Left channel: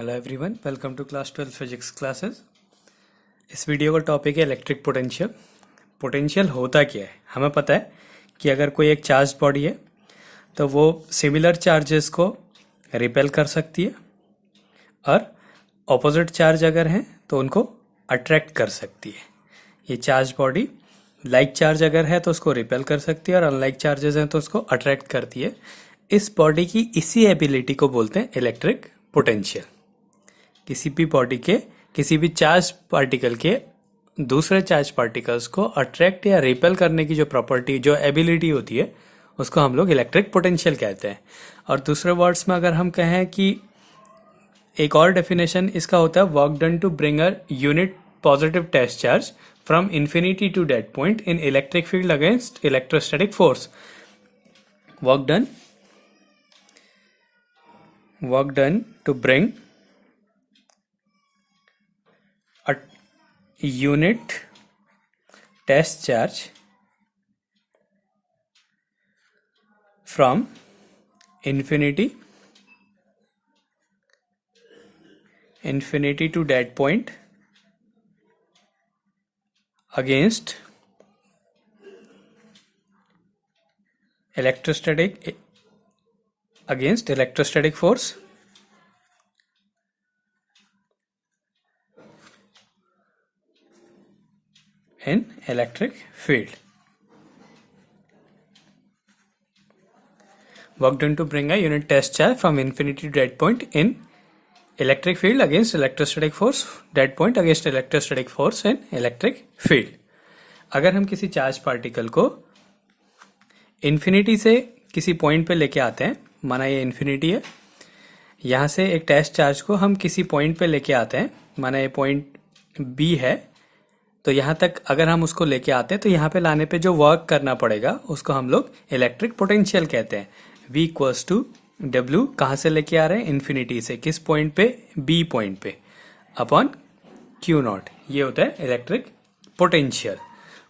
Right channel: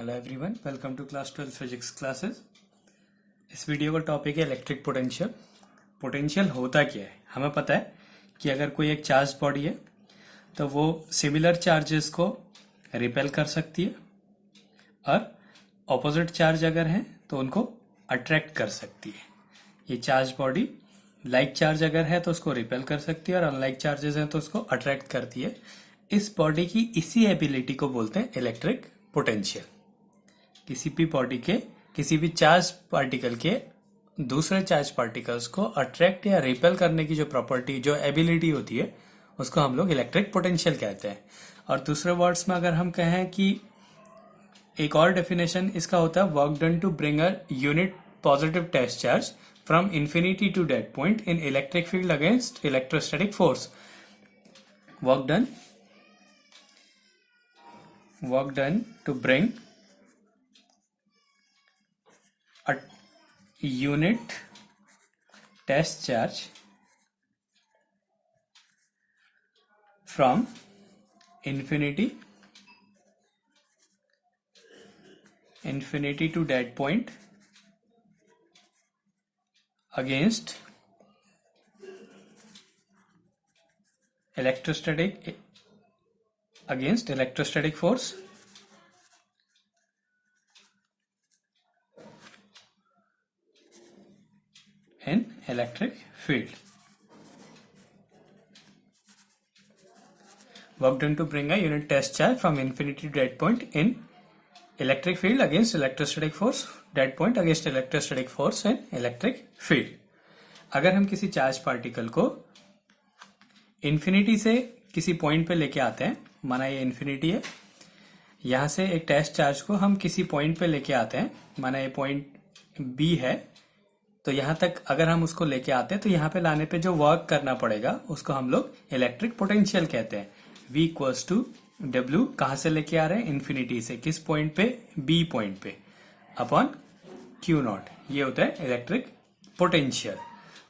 Hello everyone, welcome to class 12 physics classes. इस video का topic है इलेक्ट्रिक पोटेंशियल। पोटेंशियल होता क्या है? हमें पता है कि अगर कोई एक चार्ज बॉडी है तो वो सिमिलर चार्जेस को रिपेल कर सकती है और ऑपोजिट चार्ज अगर हैं तो उनको अट्रैक्ट कर सकती है। ये चार्ज बॉडी लाइक चार्ज अगर है तो उसको रिपेल कर सकती है और अनलाइक चार्जेस हैं तो उसको अट्रैक्ट करती है। इस बॉडी की इसी एबिलिटी को बोलते हैं इलेक्ट्रिक पोटेंशियल। किसी भी बॉडी के किसी भी चार्ज पार्टिकल के दूसरे चार्ज पार्टिकल्स को अट्रैक्ट या रिपेल करने की जो प्रॉपर्टी जो एबिलिटी होती है उसको हम लोग इलेक्ट्रिक पोटेंशियल कहते हैं। और दूसरे वर्ड्स में अगर हम कहें कि एक और डेफिनेशन इसका होता है work done to bring a unit positive test charge from infinity to dead point in electric field against electrostatic force. Work done to bring a unit test charge from infinity to dead point against electrostatic force in electric field. Work done to bring a unit test charge from infinity to dead point in electric field against electrostatic force, dead point against electrostatic force in electric field. अगर हम किसी charge particle को infinity से किसी point पे लेके आते हैं, माना ये इन्फिनिटी है, यहाँ से एक टेस्ट चार्ज को हम किसी पॉइंट पे लेके आते हैं, माना ये पॉइंट बी है, तो यहाँ तक अगर हम उसको लेके आते हैं तो यहाँ पे लाने पे जो वर्क करना पड़ेगा उसको हम लोग इलेक्ट्रिक पोटेंशियल कहते हैं। V इक्वल्स टू डब्ल्यू कहाँ से लेके आ रहे हैं? इन्फिनिटी से। किस पॉइंट पे? बी पॉइंट पे, अपॉन क्यू नॉट। ये होता है electric potential.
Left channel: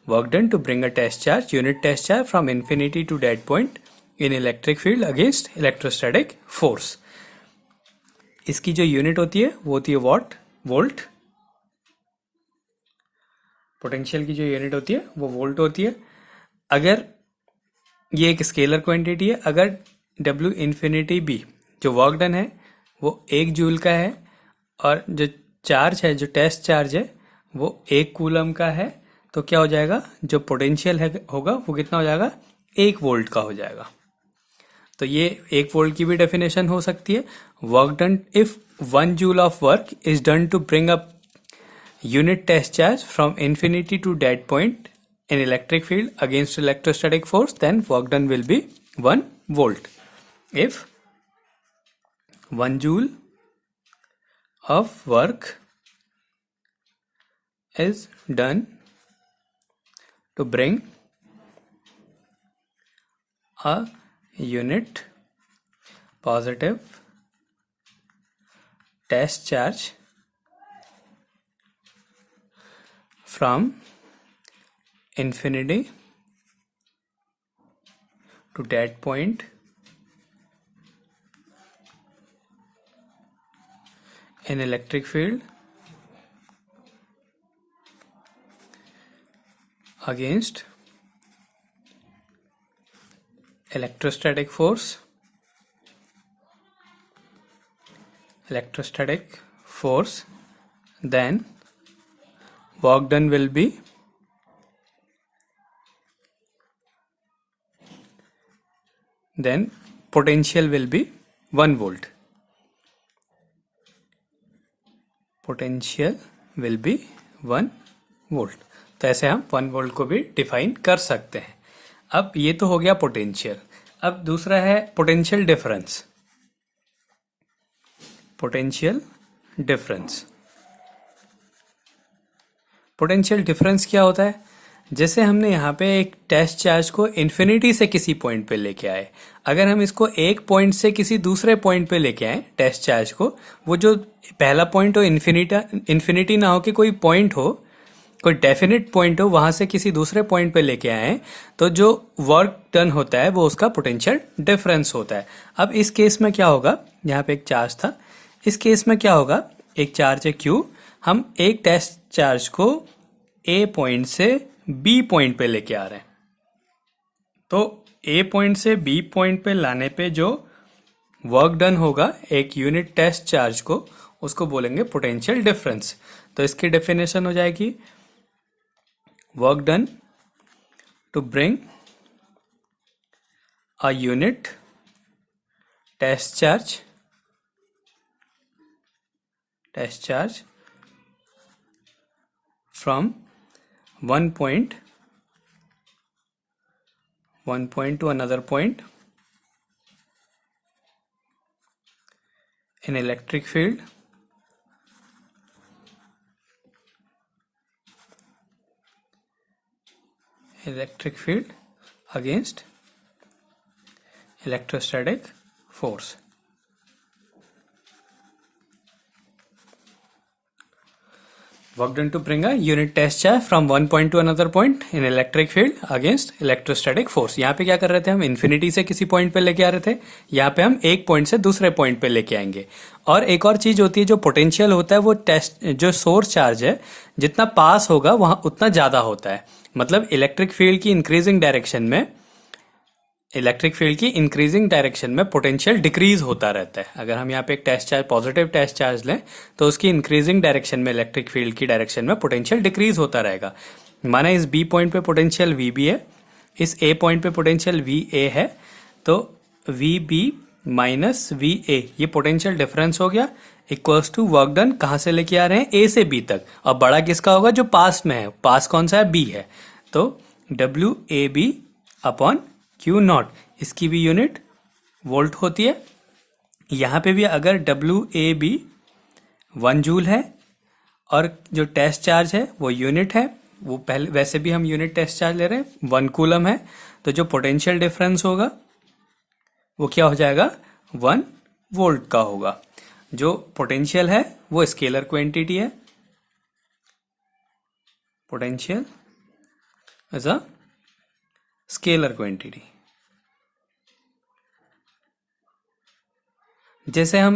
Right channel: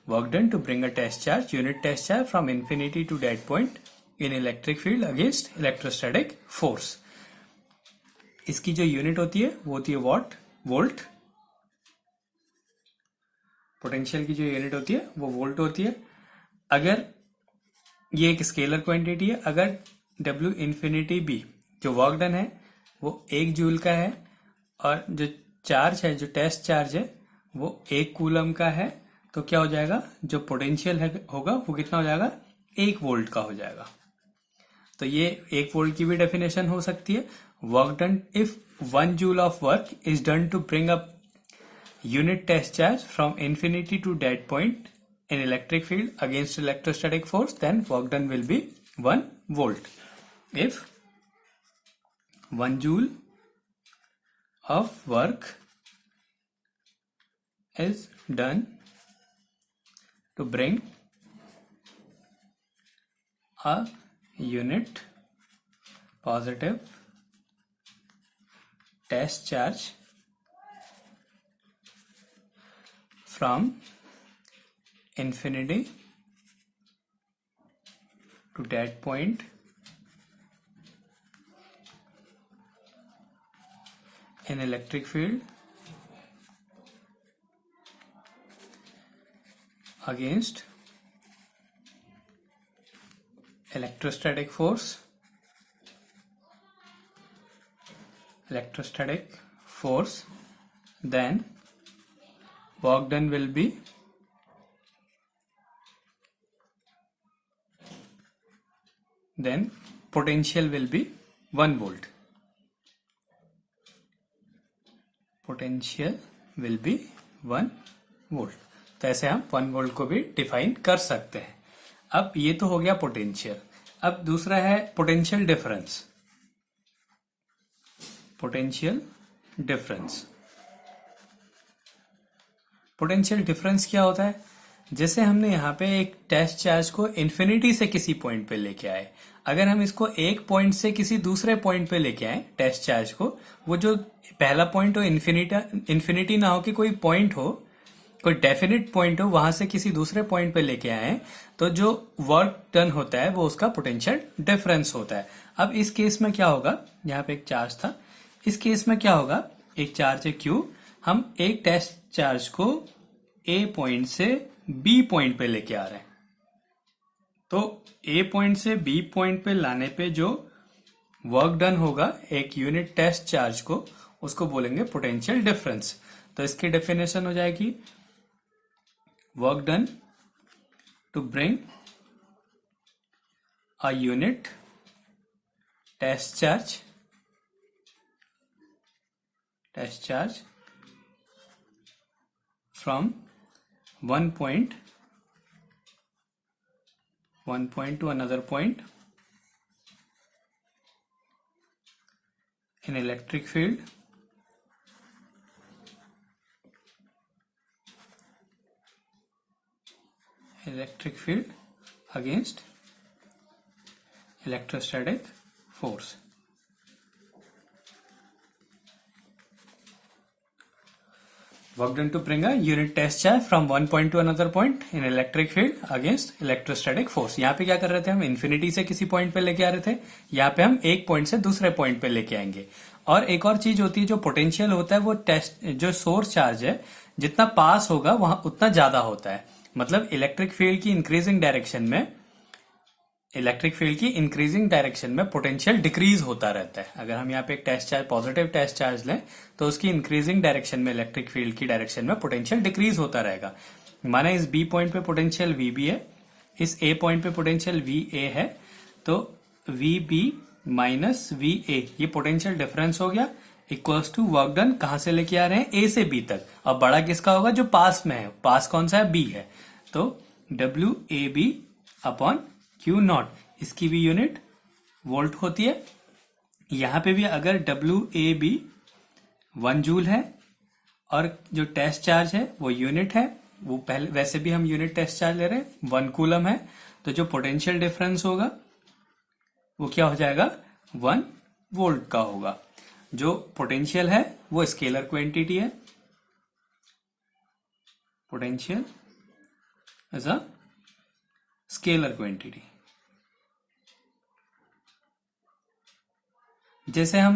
Work done to bring a test charge, unit test charge from infinity to dead point in electric field against electrostatic force. इसकी जो यूनिट होती है वो होती है वोल्ट। पोटेंशियल की जो यूनिट होती है वो वोल्ट होती है। अगर ये एक स्केलर क्वांटिटी है, अगर W इन्फिनिटी बी जो वर्क डन है वो 1 जूल का है और जो चार्ज है, जो टेस्ट चार्ज है वो 1 कूलम का है, तो क्या हो जाएगा? जो पोटेंशियल है होगा वो कितना हो जाएगा? 1 वोल्ट का हो जाएगा। तो ये 1 वोल्ट की भी डेफिनेशन हो सकती है। Work done if 1 joule of work is done to bring up unit test charge from infinity to dead point in electric field against electrostatic force, then work done will be 1 volt. If 1 joule of work is done to bring a unit positive test charge from infinity to dead point in electric field against electrostatic force, then work done will be then potential will be 1 volt. Potential will be 1 volt. तो ऐसे हम 1 volt को भी define कर सकते हैं। अब ये तो हो गया पोटेंशियल। अब दूसरा है पोटेंशियल डिफरेंस। पोटेंशियल डिफरेंस क्या होता है? जैसे हमने यहाँ पे एक टेस्ट चार्ज को इन्फिनिटी से किसी पॉइंट पे लेके आए, अगर हम इसको एक पॉइंट से किसी दूसरे पॉइंट पे लेके आए टेस्ट चार्ज को, वो जो पहला पॉइंट हो इन्फिनिटी ना हो कि कोई पॉइंट हो, कोई डेफिनेट पॉइंट हो, वहां से किसी दूसरे पॉइंट पे लेके आए, तो जो वर्क डन होता है वो उसका पोटेंशियल डिफरेंस होता है। अब इस केस में क्या होगा? यहाँ पे एक चार्ज था, इस केस में क्या होगा, एक चार्ज है Q, हम एक टेस्ट चार्ज को A पॉइंट से B पॉइंट पे लेके आ रहे हैं। तो A पॉइंट से B पॉइंट पे लाने पे जो वर्क डन होगा एक यूनिट टेस्ट चार्ज को, उसको बोलेंगे पोटेंशियल डिफरेंस। तो इसकी डेफिनेशन हो जाएगी work done to bring a unit test charge from one point to another point in electric field against electrostatic force. Work done to bring a unit test charge from one point to another point in electric field against electrostatic force. यहाँ पे क्या कर रहे थे हम, infinity से किसी point पे लेके आ रहे थे, यहाँ पे हम एक पॉइंट से दूसरे पॉइंट पे लेके आएंगे। और एक और चीज होती है, जो पोटेंशियल होता है वो टेस्ट जो सोर्स चार्ज है जितना पास होगा वहां उतना ज्यादा होता है। मतलब इलेक्ट्रिक फील्ड की इंक्रीजिंग डायरेक्शन में पोटेंशियल डिक्रीज होता रहता है। अगर हम यहाँ पे एक test charge, positive test charge लें, तो उसकी इंक्रीजिंग डायरेक्शन में, इलेक्ट्रिक फील्ड की डायरेक्शन में पोटेंशियल डिक्रीज होता रहेगा। माना इस बी पॉइंट पे पोटेंशियल VB है, इस ए पॉइंट पे पोटेंशियल VA है, तो VB माइनस VA ये पोटेंशियल डिफरेंस हो गया, इक्वल्स टू वर्क डन कहां से लेके आ रहे हैं, A से B तक। और बड़ा किसका होगा, जो पास में है। पास कौन सा है, B है। तो WAB अपॉन Q0, इसकी भी यूनिट वोल्ट होती है। यहां पे भी अगर WAB 1 जूल है और जो टेस्ट चार्ज है वो यूनिट है, वो पहले वैसे भी हम यूनिट टेस्ट चार्ज ले रहे हैं, 1 कूलम है, तो जो पोटेंशियल डिफरेंस होगा वो क्या हो जाएगा, 1 वोल्ट का होगा। जो पोटेंशियल है वो स्केलर क्वांटिटी है, potential as a scalar quantity. जैसे हम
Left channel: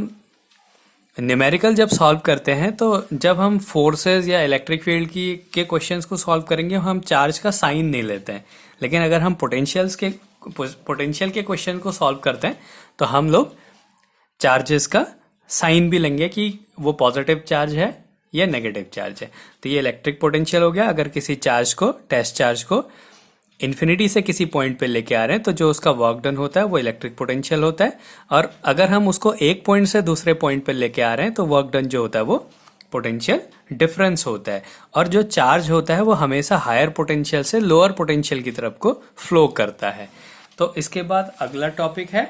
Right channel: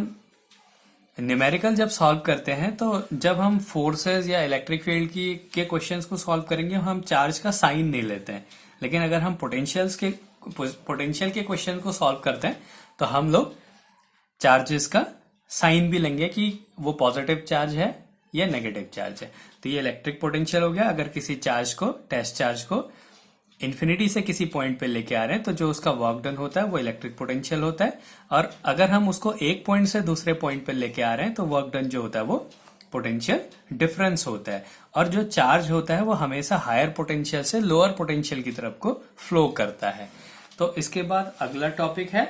न्यूमेरिकल जब सॉल्व करते हैं, तो जब हम फोर्सेस या इलेक्ट्रिक फील्ड की के क्वेश्चंस को सॉल्व करेंगे, हम चार्ज का साइन नहीं लेते हैं। लेकिन अगर हम पोटेंशियल के क्वेश्चन को सॉल्व करते हैं, तो हम लोग चार्जेस का साइन भी लेंगे कि वो पॉजिटिव चार्ज है या नेगेटिव चार्ज है। तो ये इलेक्ट्रिक पोटेंशियल हो गया। अगर किसी चार्ज को, टेस्ट चार्ज को इन्फिनिटी से किसी पॉइंट पे लेके आ रहे हैं, तो जो उसका वर्क डन होता है वो इलेक्ट्रिक पोटेंशियल होता है। और अगर हम उसको एक पॉइंट से दूसरे पॉइंट पे लेके आ रहे हैं, तो वर्क डन जो होता है वो पोटेंशियल डिफरेंस होता है। और जो चार्ज होता है वो हमेशा हायर पोटेंशियल से लोअर पोटेंशियल की तरफ को फ्लो करता है। तो इसके बाद अगला टॉपिक है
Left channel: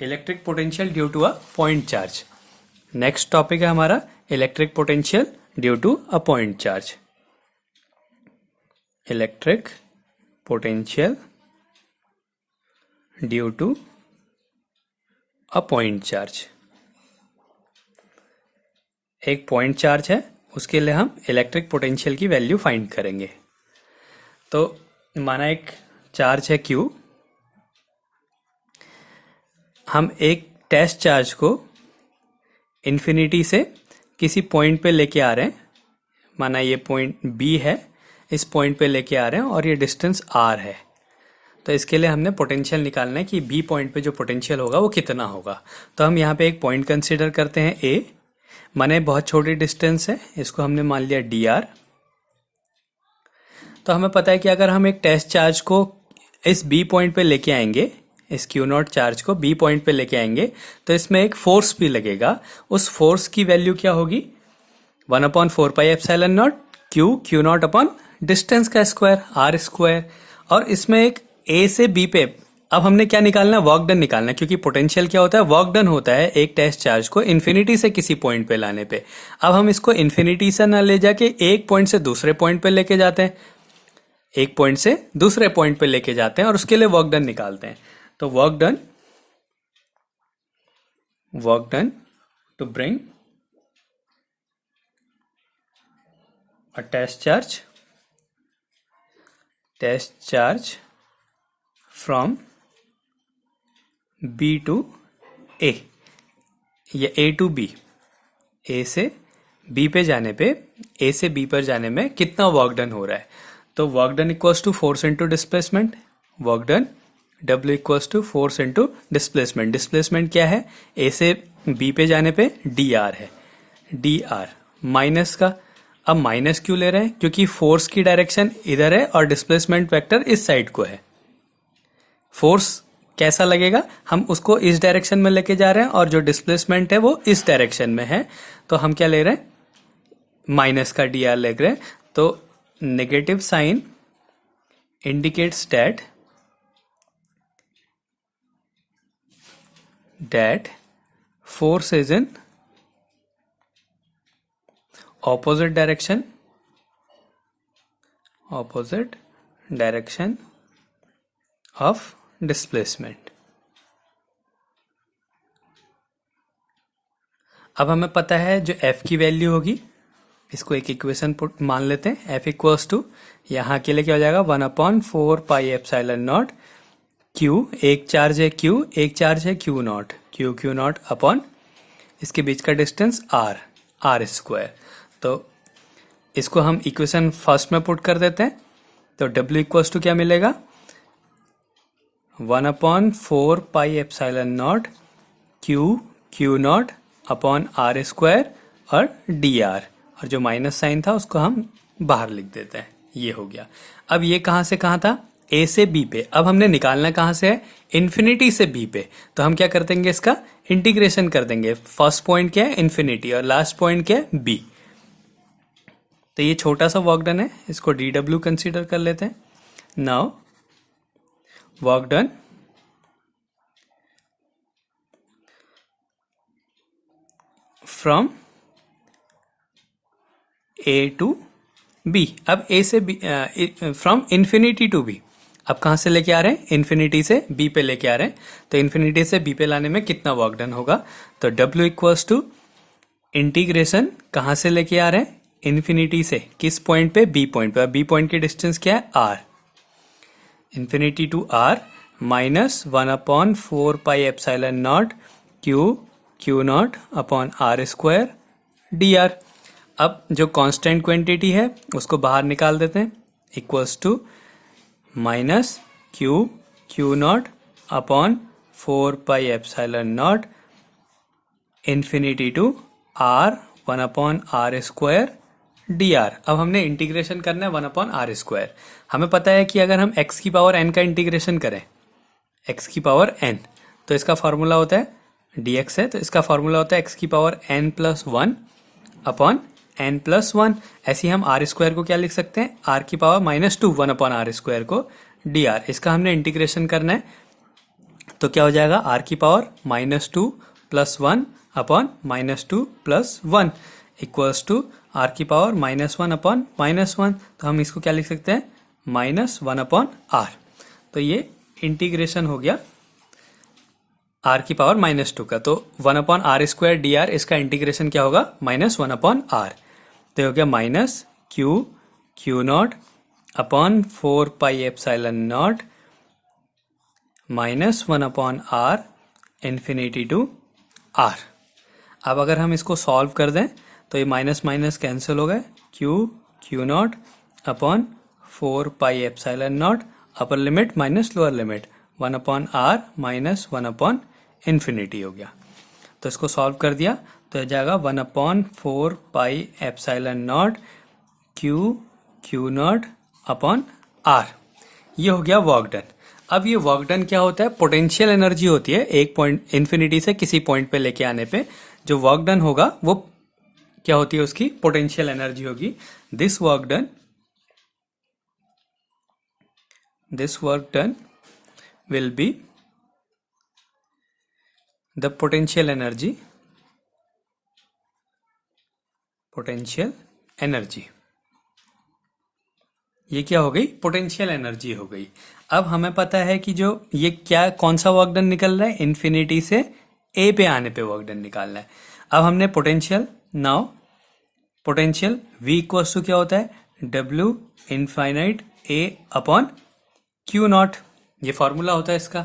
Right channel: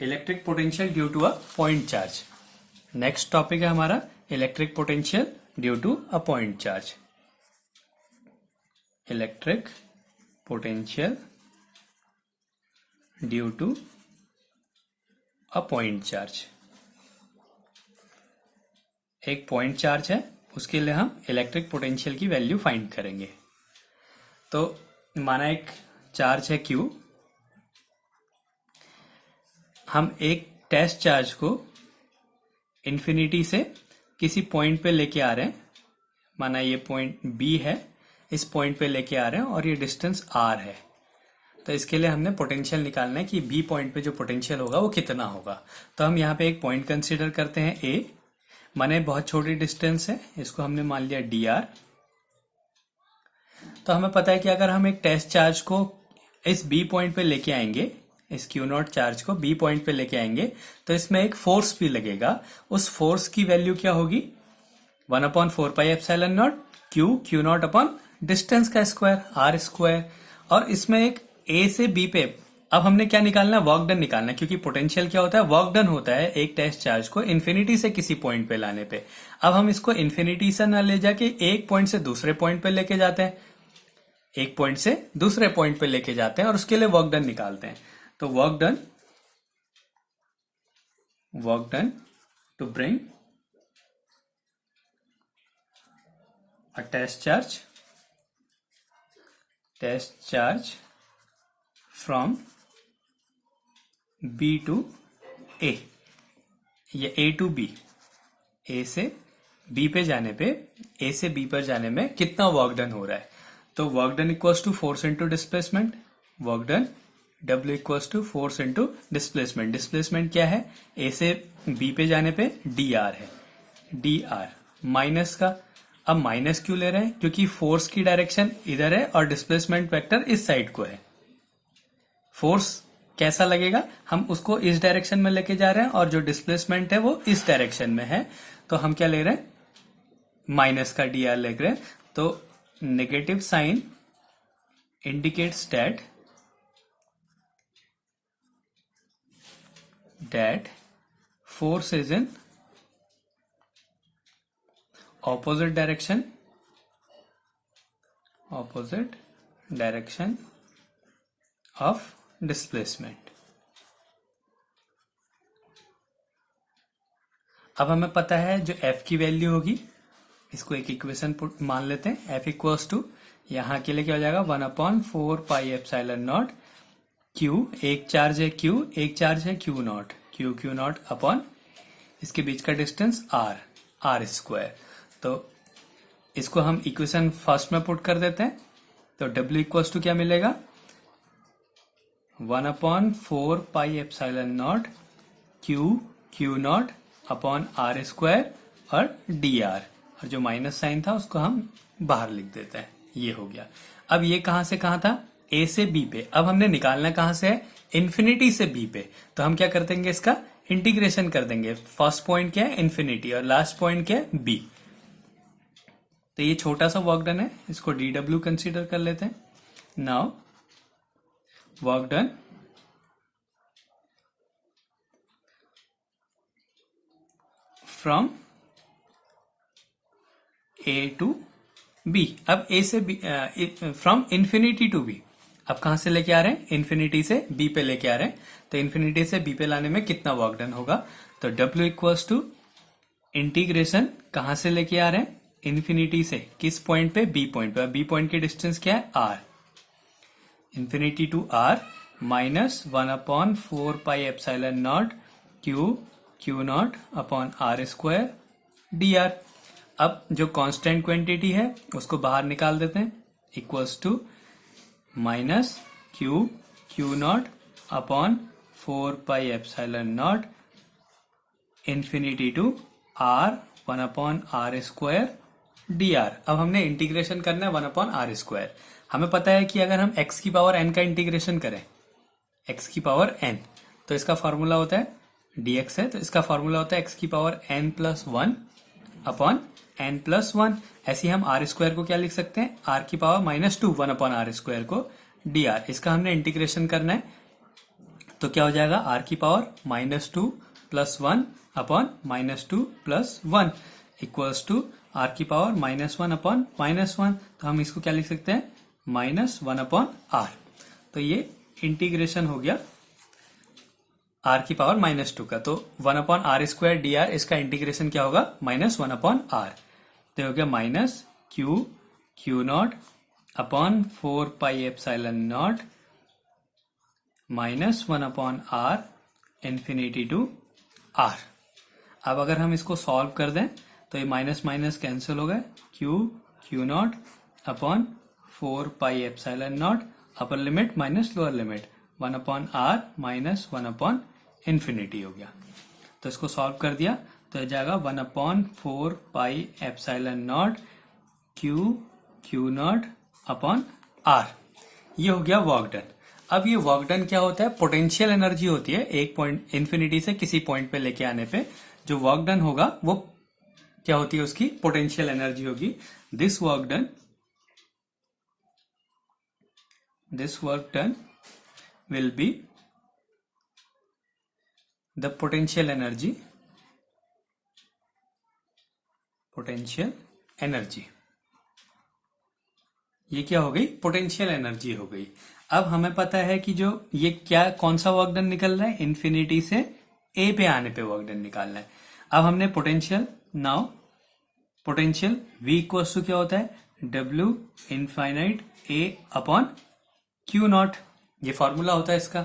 electric potential due to a point charge. Next topic है हमारा electric potential due to a point charge. Electric potential due to a point charge. एक पॉइंट चार्ज है, उसके लिए हम इलेक्ट्रिक पोटेंशियल की वैल्यू फाइंड करेंगे। तो माना एक चार्ज है Q, हम एक टेस्ट चार्ज को इन्फिनिटी से किसी पॉइंट पे लेके आ रहे हैं। माना ये पॉइंट B है, इस पॉइंट पे लेके आ रहे हैं और ये डिस्टेंस R है। तो इसके लिए हमने पोटेंशियल निकालना है कि B पॉइंट पे जो पोटेंशियल होगा वो कितना होगा। तो हम यहाँ पे एक पॉइंट कंसीडर करते हैं A, माने बहुत छोटी डिस्टेंस है, इसको हमने मान लिया dr। तो हमें पता है कि अगर हम एक टेस्ट चार्ज को इस B पॉइंट पे लेके आएंगे, इस Q0 चार्ज को B पॉइंट पे लेके आएंगे, तो इसमें एक फोर्स भी लगेगा। उस फोर्स की वैल्यू क्या होगी, 1/4πε0 Q0 अपॉन डिस्टेंस का स्क्वायर R²। और इसमें एक A से B पे अब हमने क्या निकालना है, वर्क डन निकालना है। क्योंकि पोटेंशियल क्या होता है, वर्क डन होता है एक टेस्ट चार्ज को इन्फिनिटी से किसी पॉइंट पे लाने पे। अब हम इसको इन्फिनिटी से ना ले जाके एक पॉइंट से दूसरे पॉइंट पे लेके जाते हैं, एक पॉइंट से दूसरे पॉइंट पे लेके जाते हैं और उसके लिए वर्क डन निकालते हैं। तो work done to bring a test charge from B to A या A to B, ए से बी पे जाने पे, ए से बी पर जाने में कितना वर्क डन हो रहा है। तो work done equals to force into displacement, work done W equals to force into displacement. Displacement क्या है, ए से बी पे जाने पे डी आर है, डी आर माइनस का। अब माइनस क्यों ले रहे हैं, क्योंकि फोर्स की डायरेक्शन इधर है और डिस्प्लेसमेंट वेक्टर इस साइड को है। फोर्स कैसा लगेगा, हम उसको इस डायरेक्शन में लेके जा रहे हैं और जो डिस्प्लेसमेंट है वो इस डायरेक्शन में है, तो हम क्या ले रहे हैं, माइनस का डी आर ले रहे हैं। तो negative sign indicates that force is in opposite direction of displacement। अब हमें पता है जो F की वैल्यू होगी, इसको एक इक्वेशन पुट मान लेते हैं। F इक्वल्स टू, यहाँ के लिए क्या हो जाएगा, 1/4πε0 Q, एक चार्ज है Q, एक चार्ज है Q not, Q not upon इसके बीच का डिस्टेंस R स्क्वायर। तो इसको हम इक्वेशन फर्स्ट में पुट कर देते हैं। तो W इक्वल्स टू क्या मिलेगा, 1/4πε0 Q not upon R square और DR, और जो माइनस साइन था उसको हम बाहर लिख देते हैं। ये हो गया। अब ये कहां से कहां था, ए से बी पे। अब हमने निकालना कहां से है, इन्फिनिटी से बी पे। तो हम क्या कर देंगे, इसका इंटीग्रेशन कर देंगे। फर्स्ट पॉइंट क्या है, इन्फिनिटी, और लास्ट पॉइंट क्या है, बी। तो ये छोटा सा वर्क डन है, इसको DW कंसीडर कर लेते हैं। Now work done from A to B. अब ए से B, from infinity to B. अब कहां से लेके आ रहे हैं, इन्फिनिटी से बी पे लेके आ रहे हैं। तो इन्फिनिटी से बी पे लाने में कितना वर्क डन होगा, तो W इक्वल्स टू इंटीग्रेशन कहां से लेके आ रहे हैं, इन्फिनिटी से, किस पॉइंट पे, बी पॉइंट पे। बी पॉइंट की डिस्टेंस क्या है, R, infinity to R minus 1/4πε0 Q not upon R square DR। अब जो कांस्टेंट क्वांटिटी है उसको बाहर निकाल देते हैं, equals to minus Q not upon 4πε0 infinity to R 1/R square DR। अब हमने इंटीग्रेशन करना है 1/R स्क्वायर। हमें पता है कि अगर हम x की पावर n का इंटीग्रेशन करें, x की पावर n, तो इसका फॉर्मूला होता है dx है, तो इसका फॉर्मूला होता है x की power n plus 1 upon n plus 1। ऐसे ही हम R स्क्वायर को क्या लिख सकते हैं, R की पावर -2 1/R स्क्वायर को dr। इसका हमने इंटीग्रेशन करना है, तो क्या हो जाएगा, R की power -2 plus 1 upon -2 plus 1 equals to R की पावर -1 अपॉन -1। तो हम इसको क्या लिख सकते हैं, -1/R। तो ये इंटीग्रेशन हो गया R की पावर -2 का। तो 1/R स्क्वायर dr, इसका इंटीग्रेशन क्या होगा, -1/R। तो हो गया minus Q not upon 4πε0 -1/R infinity to R। अब अगर हम इसको सॉल्व कर दें तो ये माइनस माइनस कैंसिल हो गए, Q not upon 4πε0 upper limit minus lower limit 1/R minus 1/इन्फिनिटी हो गया। तो इसको सॉल्व कर दिया तो जाएगा 1/4πε0 Q नॉट अपॉन R। ये हो गया वर्क डन। अब ये वर्क डन क्या होता है, पोटेंशियल एनर्जी होती है एक पॉइंट इन्फिनिटी से किसी पॉइंट पे लेके आने पे। जो वर्क डन होगा वो क्या होती है, उसकी पोटेंशियल एनर्जी होगी। This work done will be the potential energy ये क्या हो गई, पोटेंशियल एनर्जी हो गई। अब हमें पता है कि जो ये क्या, कौन सा वर्क डन निकल रहा है, इन्फिनिटी से ए पे आने पे वर्क डन निकालना है। अब हमने potential, now potential V equals to क्या होता है, W infinite A upon Q naught, ये फॉर्मूला होता है इसका।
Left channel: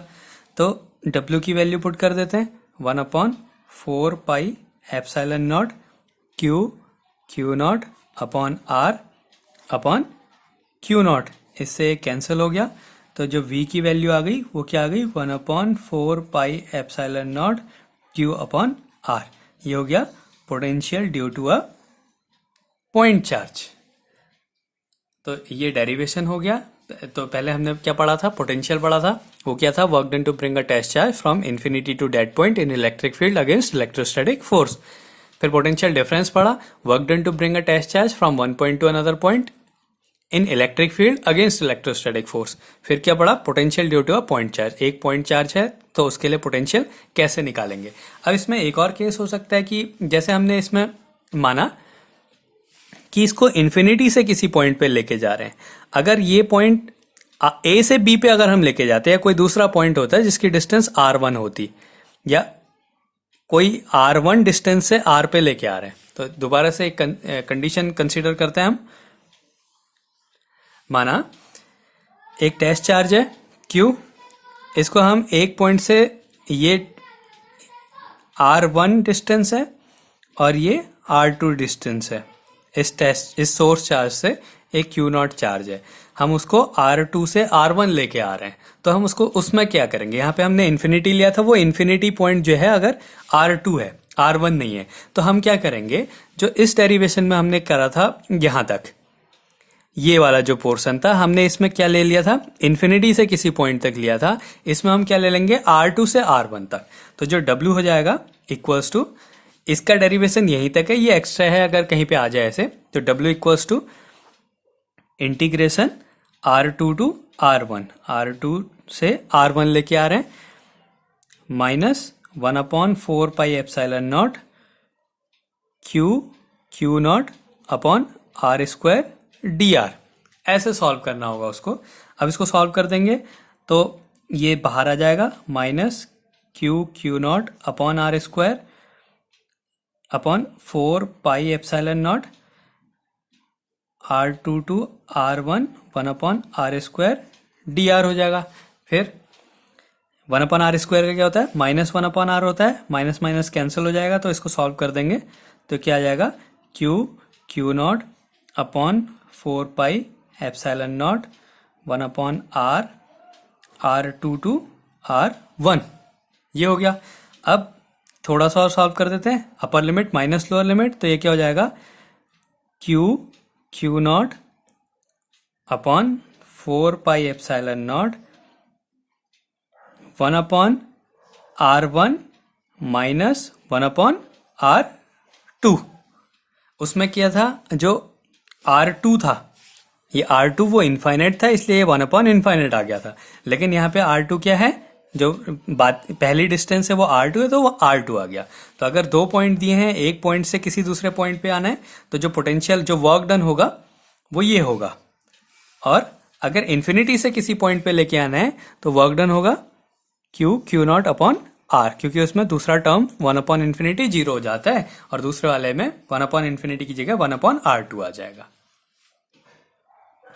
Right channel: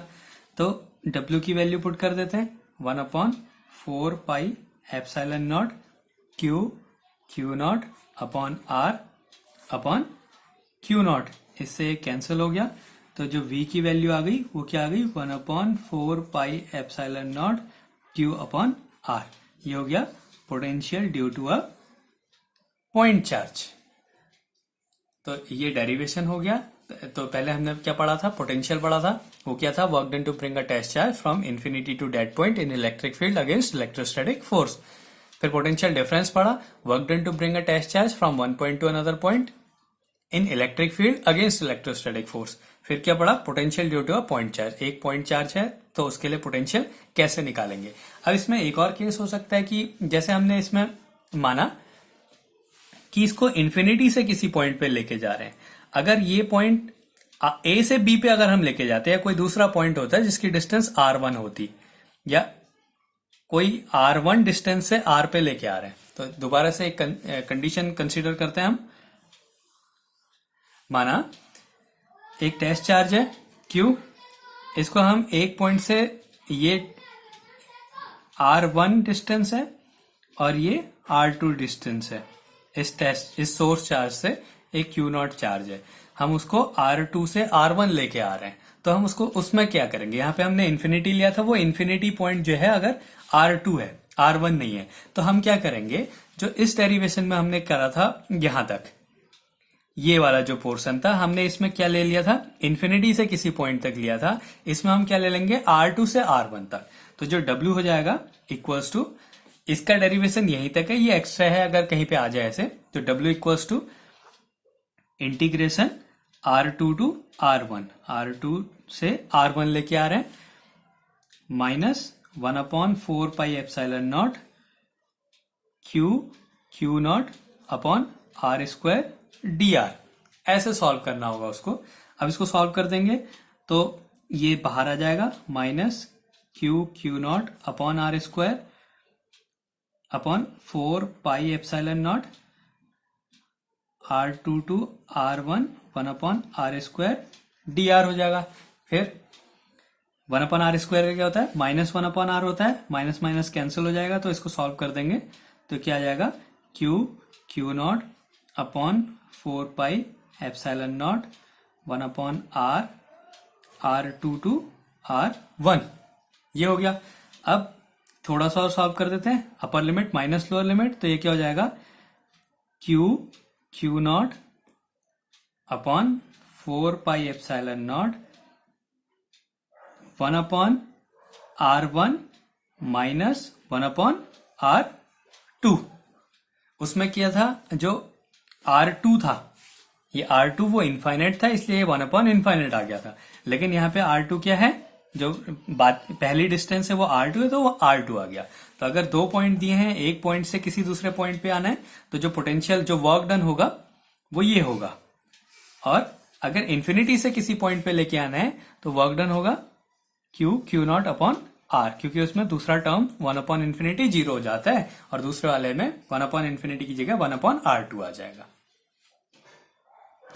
तो W की वैल्यू पुट कर देते हैं 1/4πε0 Q not upon R upon Q not, इससे कैंसिल हो गया। तो जो v की वैल्यू आ गई वो क्या आ गई, 1/4πε0 क्यू अपॉन आर। ये हो गया potential due to a point charge. तो ये डेरिवेशन हो गया। तो पहले हमने क्या पढ़ा था, पोटेंशियल पढ़ा था। वो क्या था, work done to bring a test charge from infinity to dead point in electric field against electrostatic force. फिर पोटेंशियल डिफरेंस पढ़ा, work done to bring a test charge from one point to another point in electric field against electrostatic force. फिर क्या पढ़ा, potential due to a point charge. एक point charge है तो उसके लिए पोटेंशियल कैसे निकालेंगे। अब इसमें एक और केस हो सकता है कि जैसे हमने इसमें माना कि इसको इन्फिनिटी से किसी पॉइंट पे लेके जा रहे हैं। अगर ये पॉइंट ए से बी पे अगर हम लेके जाते हैं, कोई दूसरा पॉइंट होता है जिसकी डिस्टेंस r1 होती, या कोई r1 डिस्टेंस से r पे लेके आ रहे हैं, तो दोबारा से एक कंडीशन कंसीडर करते हैं हम। माना एक टेस्ट चार्ज है Q, इसको हम एक पॉइंट से, ये r1 डिस्टेंस है और ये r2 डिस्टेंस है। इस सोर्स चार्ज से एक Q नॉट चार्ज है, हम उसको R2 से R1 लेके आ रहे हैं। तो हम उसको उसमें क्या करेंगे, यहाँ पे हमने इन्फिनिटी लिया था, वो इन्फिनिटी पॉइंट जो है अगर R2 है, R1 नहीं है, तो हम क्या करेंगे, जो इस डेरिवेशन में हमने करा था यहां तक, ये वाला जो पोर्शन था, हमने इसमें क्या ले लिया था, इन्फिनिटी से किसी पॉइंट तक लिया था। इसमें हम क्या ले लेंगे, R2 से R1 तक। तो जो W हो जाएगा इक्वल्स टू, इसका डेरिवेशन यहीं तक है, ये एक्स्ट्रा है, अगर कहीं पे आ जाए ऐसे, तो W equals to integration R2 to R1, R2 से R1 लेके आ रहे हैं, minus 1/4πε0 Q not upon are square dr। ऐसे सॉल्व करना होगा उसको। अब इसको सॉल्व कर देंगे तो ये बाहर आ जाएगा, minus q not upon are square upon 4πε0 R2 to R1 1/r² dr हो जाएगा। फिर 1/r² का क्या होता है, -1/r होता है, माइनस माइनस कैंसिल हो जाएगा, तो इसको सॉल्व कर देंगे तो क्या आ जाएगा, Q not upon 4πε0 1/r R2 to R1। ये हो गया। अब थोड़ा सा और सॉल्व कर देते हैं, अपर लिमिट माइनस लोअर लिमिट, तो ये क्या हो जाएगा, Q not upon 4πε0 1/r1 minus 1/r2। उसमें क्या था, जो R2 था, ये R2 वो इनफाइनाइट था, इसलिए ये 1/∞ आ गया था। लेकिन यहाँ पे R2 क्या है, जो बात पहली डिस्टेंस है वो R2 है, तो वो R2 आ गया। तो अगर दो पॉइंट दिए हैं, एक पॉइंट से किसी दूसरे पॉइंट पे आना है, तो जो पोटेंशियल, जो वर्क डन होगा वो ये होगा। और अगर इन्फिनिटी से किसी पॉइंट पे लेके आना है तो वर्क डन होगा क्यू नॉट अपॉन आर, क्योंकि उसमें दूसरा टर्म 1/∞ 0 हो जाता है और दूसरे वाले में 1/∞ की जगह 1/r2 आ जाएगा।